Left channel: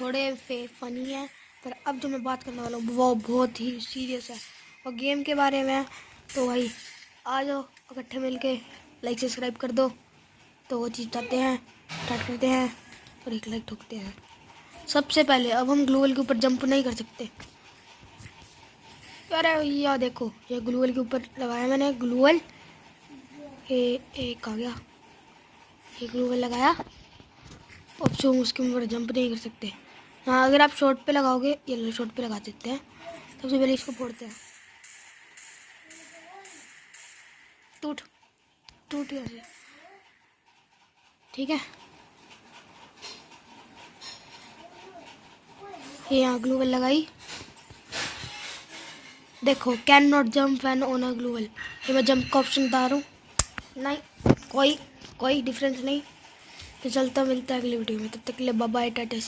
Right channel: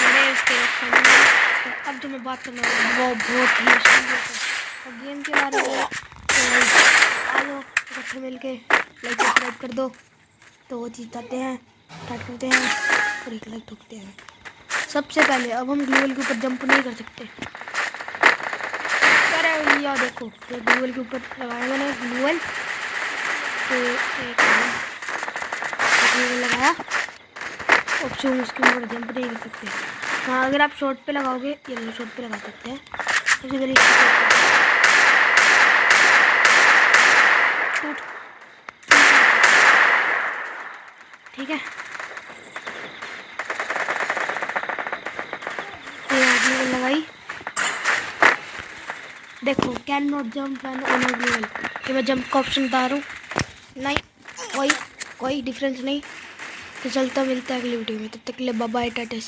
थोड़े से फनी है। और अब जो मैं बात करने वाला हूँ वो बहुत ही सीरियस है और गेम के बारे में। तो भाई आ जाओ इकट्ठे मिलके लाइक सब्सक्राइब कर दो। तो वो चीज़ चाहते हैं, स्टार्ट करते हैं और एक लाइक ठोकते हैं। सबसे पहले अब हम ग्लूवल के ऊपर जंप नहीं कर सकते। अरे भैया देखो ये ग्लूवल के ऊपर लगाया मैंने ग्लूवल लगाया। अब जो उसके ऊपर जंप नहीं कर सकते। हाँ अगर आप शॉर्ट पे लगाओगे ये शॉर्ट पे लगा सकते हैं। सबसे पहले टूट ठीक है। ग्लूवल लगाई। देखो can not jump when on a ग्लूवल। ये मैं जंप का ऑप्शन बता रहा हूँ। नहीं कोई डिफरेंस नहीं। तो चलता मिलता है अगली वीडियो में, तब तक के लिए बाय बाय टाटा सी।